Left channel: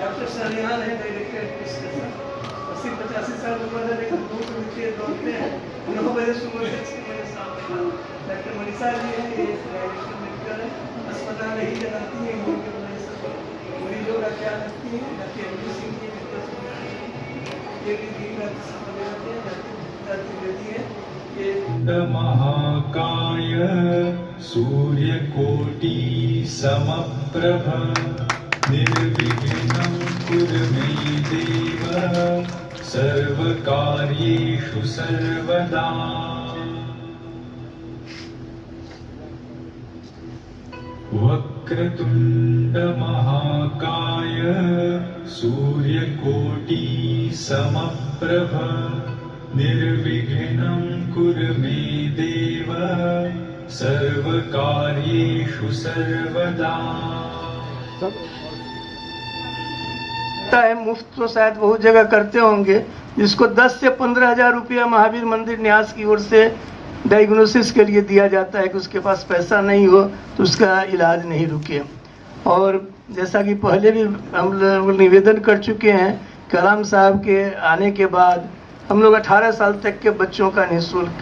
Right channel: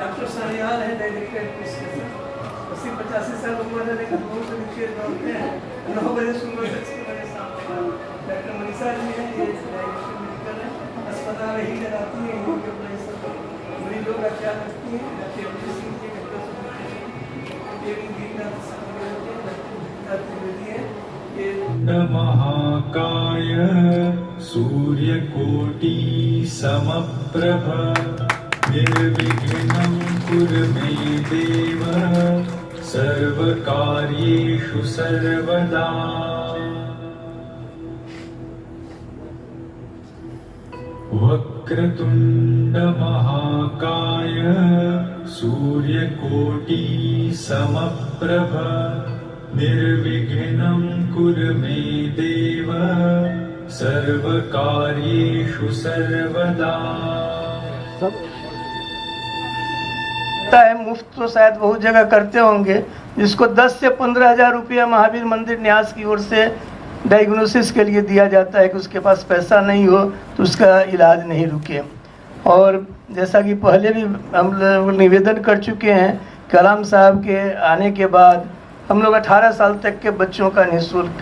Doctor Salian है director 80-85 साल उम्र है, लेकिन बहुत नीचे दौड़ते हैं। 9 बजे सुबह से 6 बजे शाम तक। डॉक्टर मनीषा जी हैं, ये डायरेक्टर मेडिकल है, अस्पताल ही चलाती है, यहीं के अपने सब मरीजों का ख्याल रखती है। डॉक्टर एमडी सिंह जी, ये भी दिन रात समय देते हैं। डॉक्टर त्रिवेदी है, ये महाकाय सूर्यकोटि समप्रभ निर्विघ्नं कुरु मे देव सर्वकार्येषु सर्वदा। वक्रतुण्ड महाकाय सूर्यकोटि समप्रभ निर्विघ्नं कुरु मे देव सर्वकार्येषु सर्वदा। है मुफ्त तो शायद बहुत जगह करते होंगे, जिसको 10 से 15 हजार रुपया महावीर मंदिर न्यास की ओर से डायग्नोसिस के लिए दिया जाता है कि उसके पास पैसा नहीं हो तो उसका इलाज नहीं रुके। और जैसा कि पहले भी हम लोग निवेदन कर चुके हैं, कलाम साहब के आने के बाद हम लोग 18 साल तक के बच्चों का निःशुल्क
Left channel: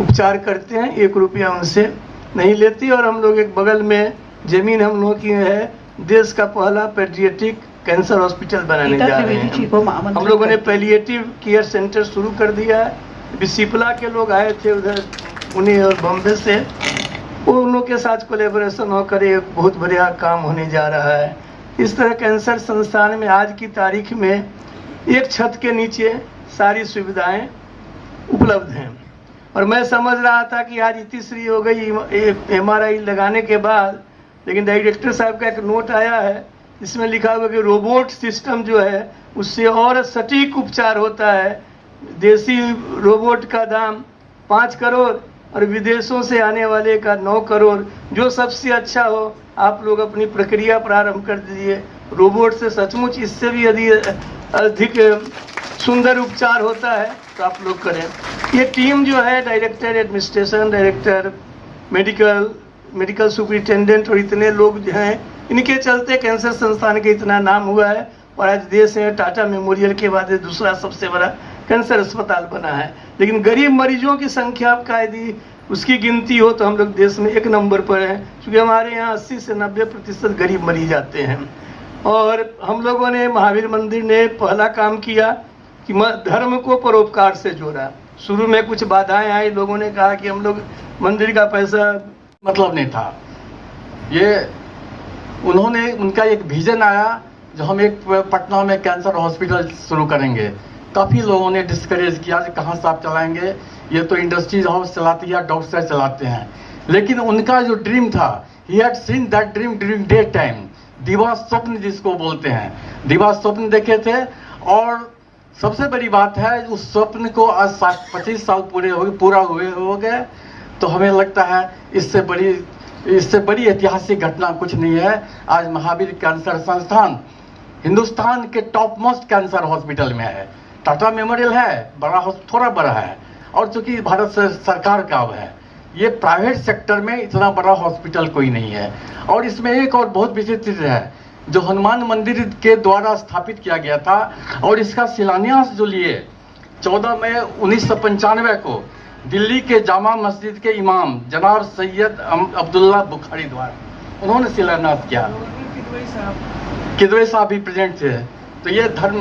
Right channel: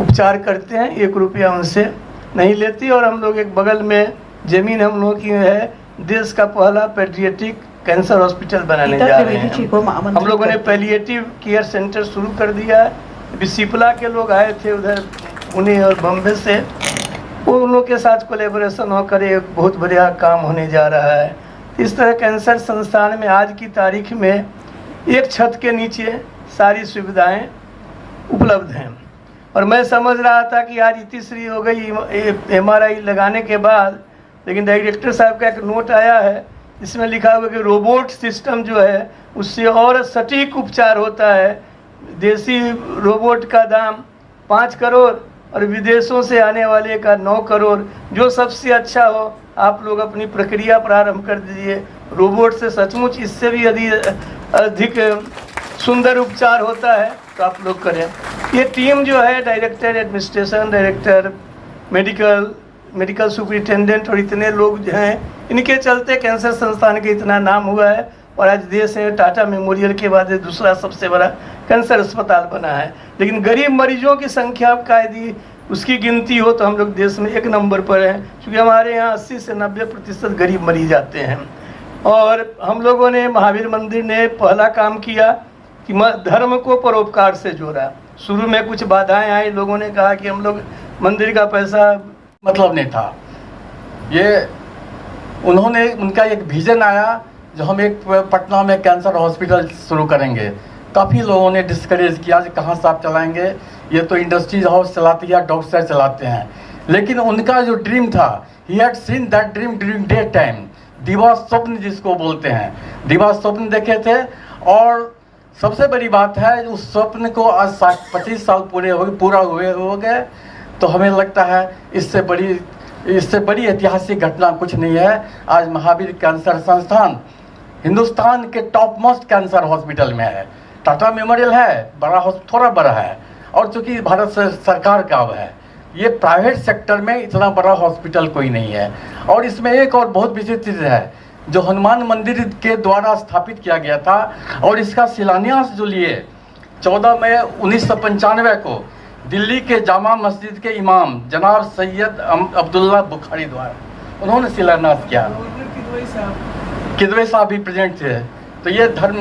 उपचार करते हैं, 1 रुपया उनसे नहीं लेती। और हम लोग एक बगल में ज़मीन हम लोग की है, देश का पहला पेडियाट्रिक कैंसर हॉस्पिटल बनाने जा रहे हैं। हम लोगों ने पैलिएटिव केयर सेंटर शुरू कर दिया है। अभी सिपला के लोग आए थे उधर पुणे और बम्बे से, वो उन लोग के साथ कोलेबोरेशन होकर एक बहुत बढ़िया काम होने जा रहा है। इस तरह कैंसर संस्थान में आज की तारीख में एक छत के नीचे सारी सुविधाएं उपलब्ध हैं। और मैं समझ रहा था कि आज तीसरी हो गई MRI लगाने के बाद, लेकिन डायरेक्टर साहब का एक नोट आया है, इसमें लिखा हुआ कि रोबोट सिस्टम जो है उससे और सटीक उपचार होता है। देसी रोबोट का दाम 5 करोड़ और विदेशों से आने वाले का 9 करोड़। जो सबसे अच्छा हो आप लोग अपनी प्रक्रिया प्रारंभ कर दीजिए। रोबोट से सचमुच इससे भी यदि अधिक सुंदर उपचार होता है तो आप लोग करें। ये टीम जो है, director administration, director medical superintendent और इतने लोग जो हैं, इनके चलते कैंसर संस्थान के इतना नाम हुआ है। और आज देश में टाटा मेमोरियल के बाद दूसरा सबसे बड़ा कैंसर अस्पताल बना है। लेकिन गरीब मरीजों की संख्या का यदि उसकी गिनती हो तो हम लोग देश में 1 नंबर पर हैं, क्योंकि हमारे यहाँ 80 से 90% गरीब मरीज आते हैं। और हम लोगों ने, महावीर मंदिर ने पहला काम किया कि धर्म को परोपकार से जोड़ा। शुरू में कुछ बाधाएं आई, लोगों ने कहा कि हम लोग मंदिर का पैसा मतलब नहीं था। ये उन्होंने, उनका एक विजन आया जो हम एक पटना में कैंसर हॉस्पिटल शुरू करेंगे। काफ़ी लोगों ने डिस्करेज किया कि कहाँ से आप चलाएंगे, ये तो इंडस्ट्रीज हाउस चलाती है, डॉक्टर चलाते हैं। लेकिन उनका जो ड्रीम था, he had seen that dream during day time, दिवा स्वप्न जिसको बोलते हैं, दिवा स्वप्न देखे थे। और सबसे बड़ी बात है, उस स्वप्न को आज 25 साल पूरा हुए हो गए। तो हमें लगता है इससे बड़ी ऐतिहासिक घटना कुछ नहीं है। आज महावीर कैंसर संस्थान हिंदुस्तान के टॉप मोस्ट कैंसर हॉस्पिटल में है। टाटा मेमोरियल है, थोड़ा बड़ा है, और चूंकि भारत सरकार का है, ये प्राइवेट सेक्टर में इतना बड़ा हॉस्पिटल कोई नहीं है। और इसमें एक और बहुत विचित्र चीज़ है, जो हनुमान मंदिर के द्वारा स्थापित किया गया था, और इसका शिलान्यास जो लिए 14 मई 1995 को दिल्ली के जामा मस्जिद के इमाम जनाब सैयद अब्दुल्ला बुखारी द्वारा उन्होंने शिलान्यास किया। किदवई साहब भी प्रेजेंट थे। तो ये धर्म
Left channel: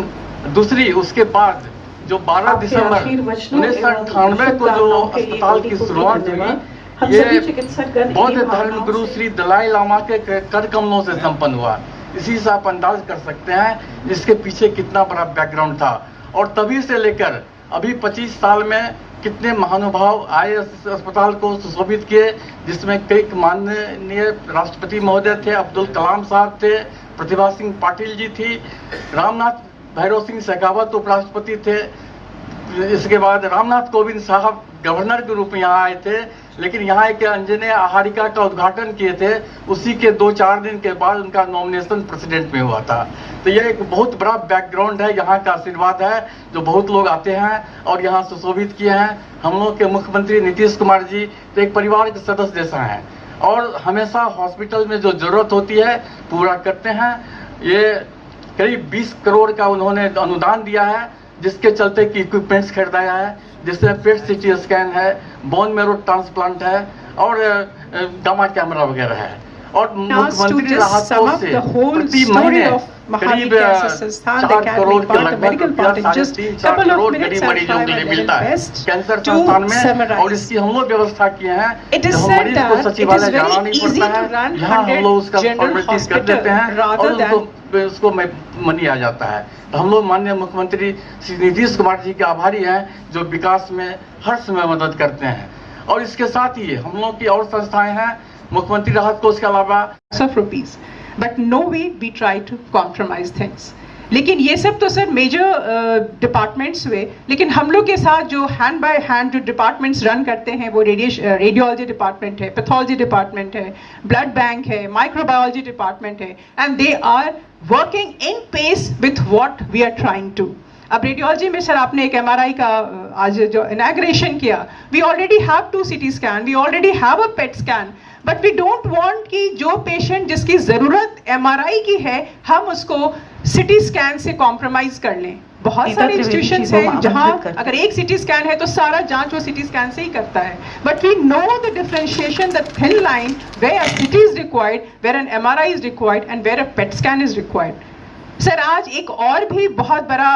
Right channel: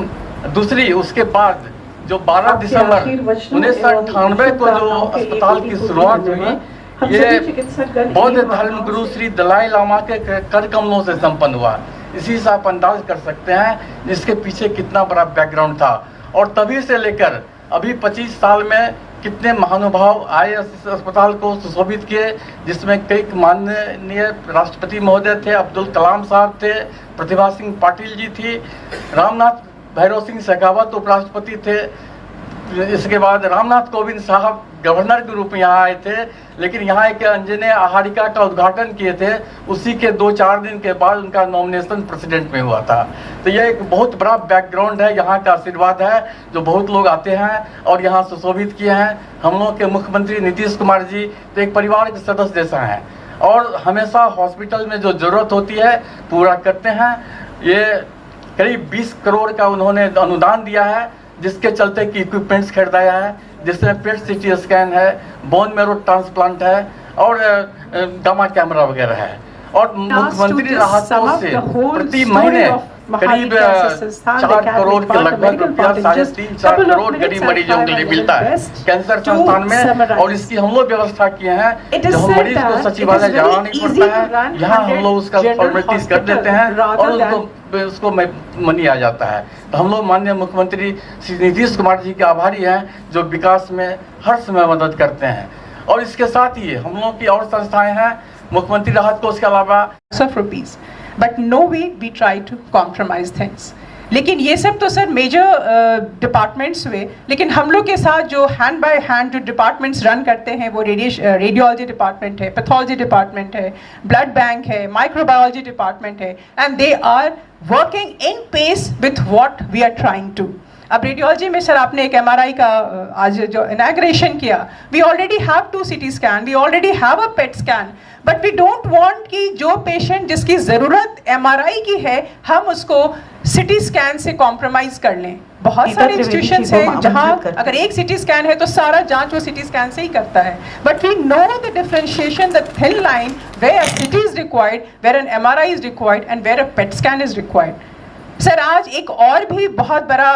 दूसरी, उसके बाद जो 12 दिसंबर 1998 को जो अस्पताल की शुरुआत हुई, ये बौद्ध धर्म गुरु श्री दलाई लामा के कर कमलों से संपन्न हुआ। इसी से आप अंदाज कर सकते हैं इसके पीछे कितना बड़ा बैकग्राउंड था। और तभी से लेकर अभी 25 साल में कितने महानुभाव आए इस अस्पताल को सुशोभित किए, जिसमें कई माननीय राष्ट्रपति महोदय थे, अब्दुल कलाम साहब थे, प्रतिभा सिंह पाटिल जी थी, रामनाथ भैरव सिंह शेखावत उपराष्ट्रपति थे, इसके बाद रामनाथ कोविंद साहब गवर्नर के रूप में यहाँ आए थे, लेकिन यहाँ एक अंजने आहारिका का उद्घाटन किए थे, उसी के 2-4 दिन के बाद उनका नॉमिनेशन प्रेसिडेंट में हुआ था। तो ये एक बहुत बड़ा बैकग्राउंड है, यहाँ का आशीर्वाद है जो बहुत लोग आते हैं और यहाँ सुशोभित किए हैं। हम लोग के मुख्यमंत्री नीतीश कुमार जी तो एक परिवार के सदस्य जैसा हैं और हमेशा हॉस्पिटल में जो जरूरत होती है पूरा करते हैं। ये करीब 20 करोड़ का उन्होंने अनुदान दिया है, जिसके चलते कि इक्विपमेंट्स खरीदाया है, जिसमें पेट सीटी स्कैन है, बोन मैरो ट्रांसप्लांट है और गामा कैमरा वगैरह है। और मुख्यमंत्री राहत कोष से प्रति महीने करीब 4 करोड़ के लगभग 3-4 करोड़ गरीब मरीजों के लिए मिलता है कैंसर संस्थान में। और इसकी हम लोग व्यवस्था किए हैं, जो मरीज को सचिवालय जाना नहीं पड़ता है, यहाँ हम लोग उसका फॉर्मेलिटीज कर देते हैं और उसको मनी आ जाता है। तो हम लोग माननीय मुख्यमंत्री श्री नीतीश कुमार जी के आभारी हैं जो विकास में हर समय मदद करते हैं। और इसके साथ ही हम लोग की और संस्थाएं हैं, मुख्यमंत्री राहत कोष के अलावा ₹, but no way we try to compromise things. लेकिन ये सब तो सर मेजर डिपार्टमेंट्स हुए, लेकिन हम लोग के साथ जो हैंड बाय हैंड जो डिपार्टमेंट्स रन करते हैं वो रेडियोलॉजी डिपार्टमेंट है, पैथोलॉजी डिपार्टमेंट है, ब्लड बैंक है, माइक्रोबायोलॉजी डिपार्टमेंट है, and they are working in pace with what we are trying to. अब रेडियोलॉजी में सर आपने एक MRI का आज जो इनॉग्रेशन किया, we already have 2 CT scan, we already have a PET scan, but we don't want कि जो पेशेंट जिसकी ज़रूरत MRI की है हम उसको CT स्कैन से कॉम्प्रोमाइज़ कर लें। बहुत सारे इंस्टीट्यूशंस हैं जहां अगर एक CT स्कैन है तो सारा जांच वो CT स्कैन से ही करता है, but we know the differentiation, the thin line where a CT is required, where an MRI is required and where a PET scan is required। Sir आज एक और भी बहुत बड़ा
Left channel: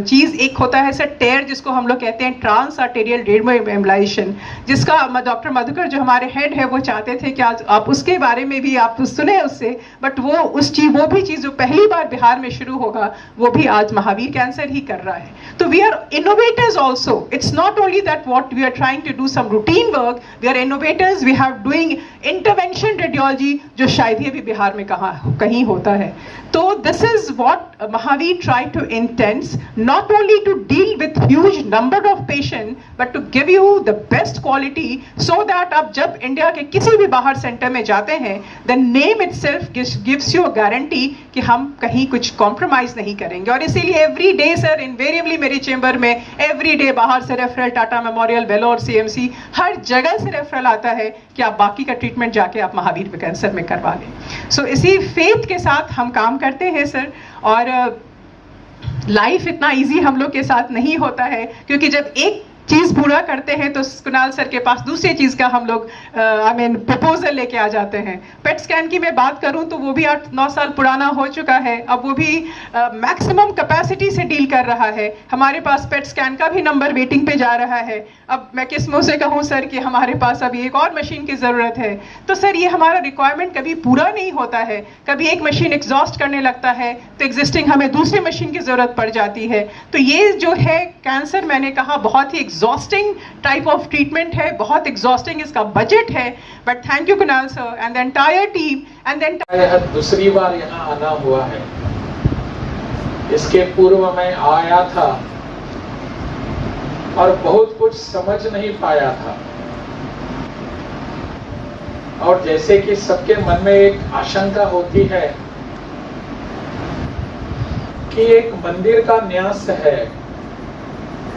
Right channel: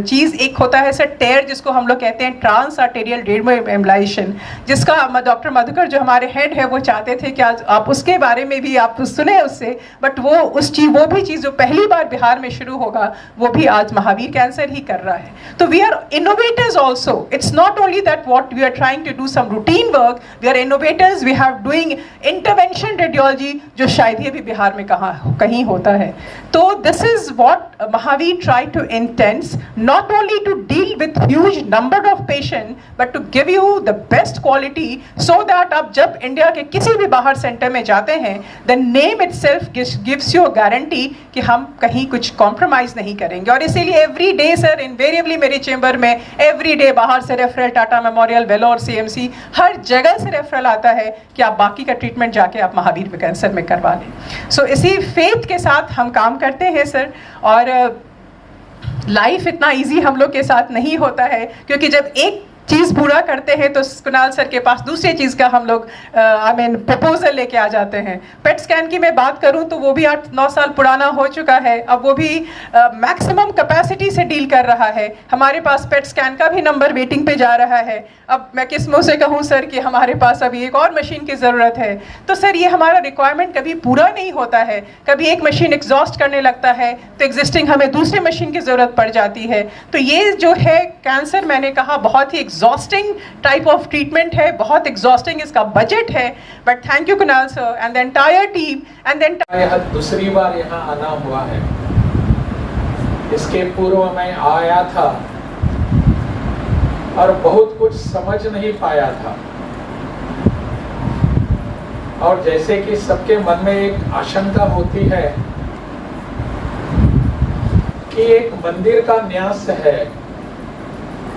चीज़ एक होता है सर टेयर, जिसको हम लोग कहते हैं ट्रांस आर्टेरियल डेमोएम्बोलाइजेशन, जिसका डॉक्टर मधुकर जो हमारे हेड है वो चाहते थे कि आज आप उसके बारे में भी आप सुने उससे, बट वो भी चीज़ जो पहली बार बिहार में शुरू होगा वो भी आज महावीर कैंसर ही कर रहा है। तो we are innovators also, it's not only that what we are trying to do some routine work, we are innovators, we have doing intervention radiology जो शायद ही अभी बिहार में कहीं होता है। तो this is what Mahavir tried to intend, not only to deal with huge number of patients, but to give you the best quality, so that आप जब इंडिया के किसी भी बाहर सेंटर में जाते हैं, the name itself gives you a guarantee कि हम कहीं कुछ compromise नहीं करेंगे। और इसीलिए every day सर invariably मेरे चेंबर में every day बाहर से referral, Tata memorial, Vellore, CMC हर जगह से रेफरल आता है कि आप बाकी का ट्रीटमेंट जाके आप महावीर कैंसर में करवा लें। सो इसी फेथ के साथ हम काम करते हैं सर। और लाइफ इतना इजी हम लोग के साथ नहीं होता है, क्योंकि जब एक चीज़ पूरा करते हैं तो कुणाल सर के पास दूसरी चीज़ का हम लोग प्रपोजल लेके आ जाते हैं। पेट स्कैन की मैं बात करूं तो वो भी 8-9 साल पुराना हो चुका है, अब वो भी मैक्सिमम कैपेसिटी से डील कर रहा है। हमारे पास पेट स्कैन का भी नंबर वेटिंग पे जा रहा है। अब मैं किस मुंह से कहूं सर कि हमारे पास अभी एक और मशीन की ज़रूरत है। तो सर ये हमारा रिक्वायरमेंट कभी पूरा नहीं होता है, कभी एक मशीन एग्जॉस्ट करने लगता है तो एग्जिस्टिंग हमें दूसरी मशीन की ज़रूरत पड़ जाती है। तो ये जो है कैंसर, मैंने कहा बहुत ही एग्जॉस्टिंग टाइप ऑफ ट्रीटमेंट है, बहुत एग्जॉस्टिंग इसका बजट है। But thank you Kunal sir and the entire team and then दूसरी बार यहाँ आना हुआ है। इसके पूर्व में आया था और बहुत कुछ समझ नहीं पाया था, और जैसे कि सबके मन में एक आशंका होती है कि एक मंदिर का न्यास है,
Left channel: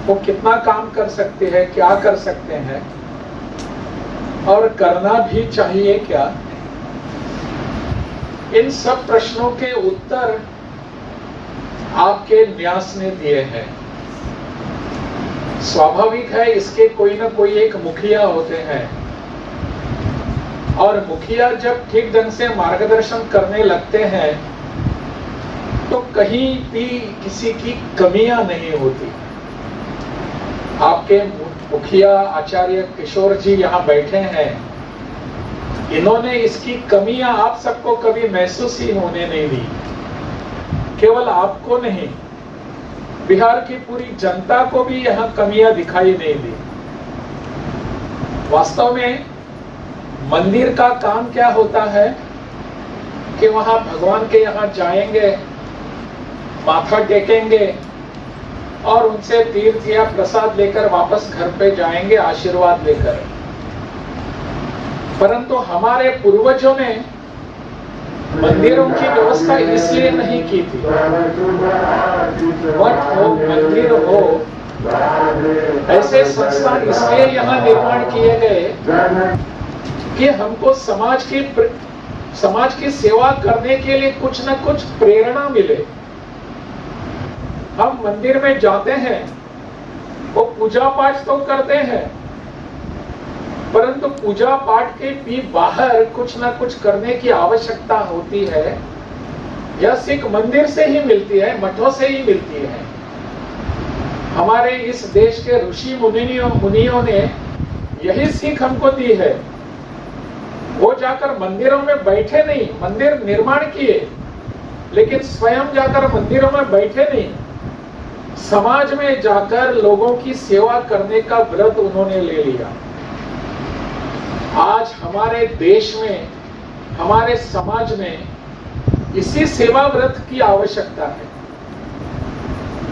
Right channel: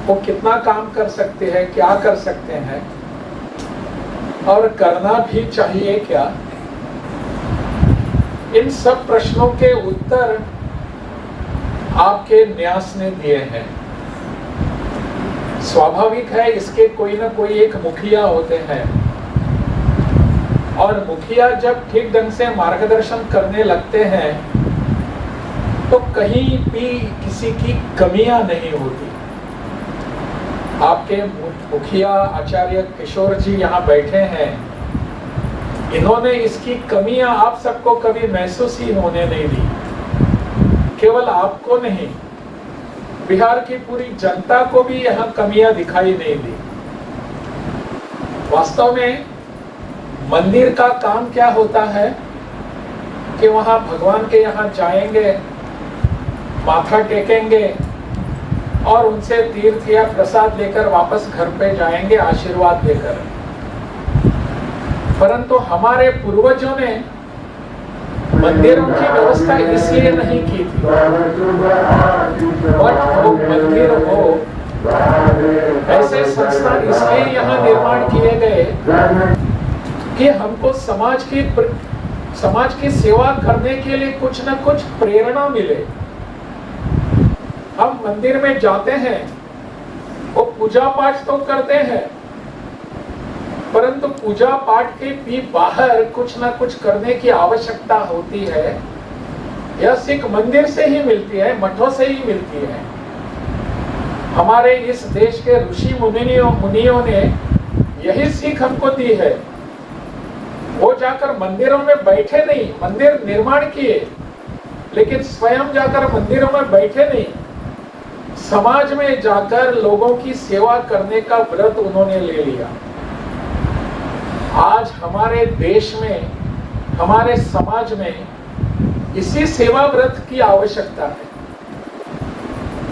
वो कितना काम कर सकते हैं, क्या कर सकते हैं और करना भी चाहिए क्या। इन सब प्रश्नों के उत्तर आपके न्यास ने दिए हैं। स्वाभाविक है इसके कोई ना कोई एक मुखिया होते हैं, और मुखिया जब ठीक ढंग से मार्गदर्शन करने लगते हैं तो कहीं भी किसी की कमियां नहीं होती। आपके मुखिया आचार्य किशोर जी यहाँ बैठे हैं, इन्होंने इसकी कमियां आप सबको कभी महसूस ही होने नहीं दी। केवल आपको नहीं, बिहार की पूरी जनता को भी यह कमियां दिखाई नहीं दी। वास्तव में मंदिर का काम क्या होता है कि वहां भगवान के यहाँ जाएंगे, माथा टेकेंगे और उनसे तीर्थ या प्रसाद लेकर वापस घर पे जाएंगे आशीर्वाद लेकर। परंतु हमारे पूर्वजों ने मंदिरों की व्यवस्था इसलिए नहीं की थी। मठ हो, मंदिर हो, ऐसे संस्थान इसलिए यहाँ निर्माण किए गए कि हमको समाज की सेवा करने के लिए कुछ न कुछ प्रेरणा मिले। हम मंदिर में जाते हैं, वो पूजा पाठ तो करते हैं, परंतु पूजा पाठ के भी बाहर कुछ न कुछ करने की आवश्यकता होती है। यह सीख मंदिर से ही मिलती है, मठों से ही मिलती है। हमारे इस देश के ऋषि मुनियों ने यही सीख हमको दी है। वो जाकर मंदिरों में बैठे नहीं, मंदिर निर्माण किए, लेकिन स्वयं जाकर मंदिरों में बैठे नहीं, समाज में जाकर लोगों की सेवा करने का व्रत उन्होंने ले लिया। आज हमारे देश में, हमारे समाज में इसी सेवा व्रत की आवश्यकता है।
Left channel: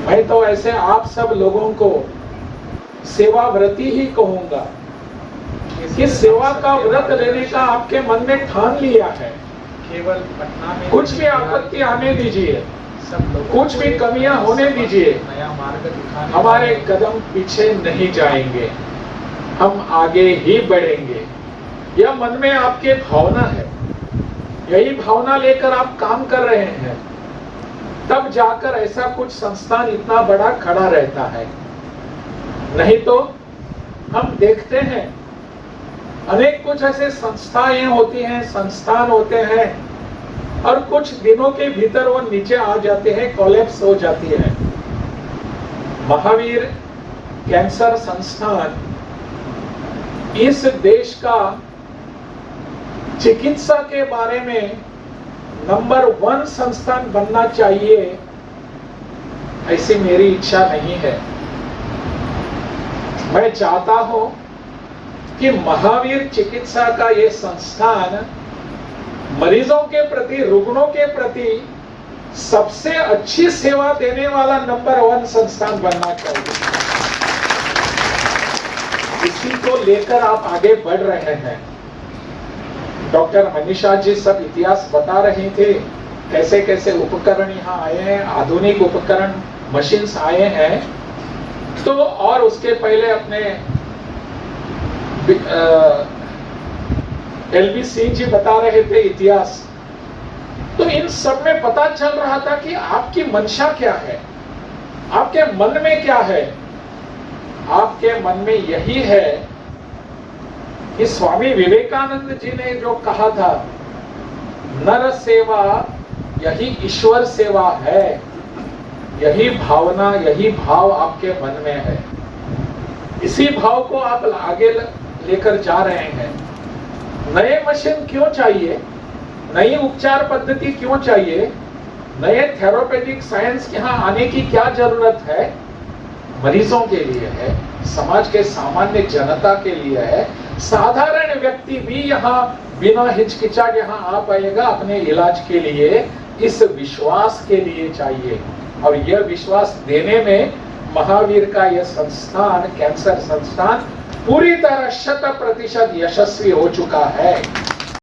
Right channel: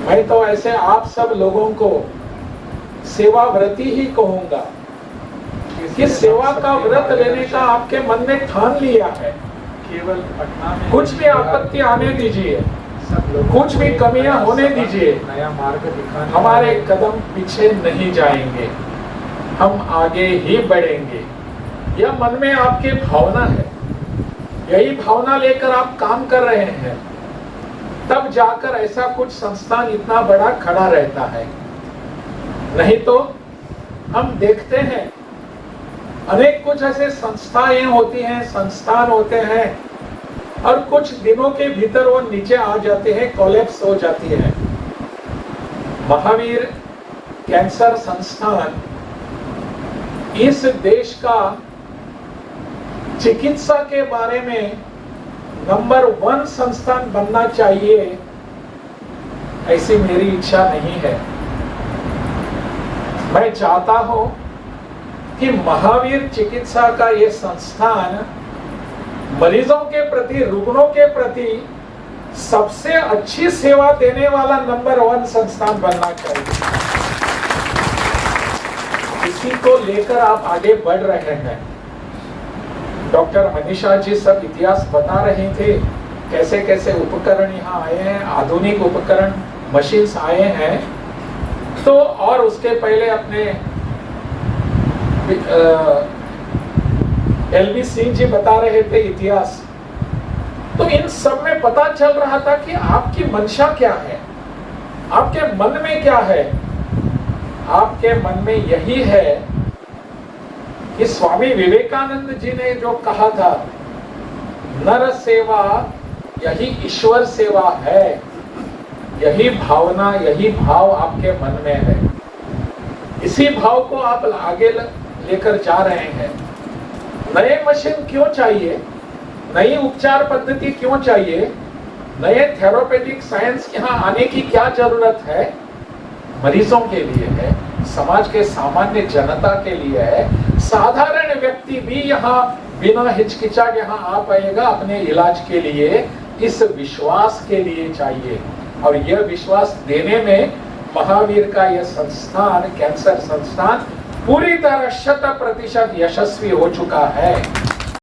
मैं तो ऐसे आप सब लोगों को सेवा व्रती ही कहूंगा कि सेवा का व्रत लेने का आपके मन में ठान लिया है। केवल कुछ भी आपत्ति आने दीजिए, कुछ भी कमियां होने दीजिए, हमारे कदम पीछे नहीं जाएंगे, हम आगे ही बढ़ेंगे। यह मन में आपकी भावना है, यही भावना लेकर आप काम कर रहे हैं, तब जाकर ऐसा कुछ संस्थान इतना बड़ा खड़ा रहता है। नहीं तो हम देखते हैं अनेक कुछ ऐसे संस्थाएं होती हैं, संस्थान होते हैं, और कुछ दिनों के भीतर वो नीचे आ जाते हैं, कोलैप्स हो जाती है। महावीर कैंसर संस्थान इस देश का चिकित्सा के बारे में नंबर 1 संस्थान बनना चाहिए, ऐसी मेरी इच्छा नहीं है। मैं चाहता हूं कि महावीर चिकित्सा का ये संस्थान मरीजों के प्रति, रुग्णों के प्रति सबसे अच्छी सेवा देने वाला नंबर 1 संस्थान बनना चाहिए। इसी को लेकर आप आगे बढ़ रहे हैं। डॉक्टर मनीषा जी सब इतिहास बता रहे थे, कैसे कैसे उपकरण यहाँ आए हैं, आधुनिक उपकरण, मशीन्स आए हैं। तो और उसके पहले अपने LV सिंह जी बता रहे थे इतिहास। तो इन सब में पता चल रहा था कि आपकी मंशा क्या है, आपके मन में क्या है। आपके मन में यही है कि स्वामी विवेकानंद जी ने जो कहा था, नर सेवा यही ईश्वर सेवा है। यही भावना, यही भाव आपके मन में है। इसी भाव को आप आगे लेकर जा रहे हैं। नए मशीन क्यों चाहिए, नई उपचार पद्धति क्यों चाहिए, नए थेरापेटिक साइंस यहाँ आने की क्या जरूरत है? मरीजों के लिए है, समाज के सामान्य जनता के लिए है। साधारण व्यक्ति भी यहाँ बिना हिचकिचाहट यहाँ आ पाएगा अपने इलाज के लिए, इस विश्वास के लिए चाहिए। और यह विश्वास देने में महावीर का यह संस्थान, कैंसर संस्थान, पूरी तरह 100% यशस्वी हो चुका है।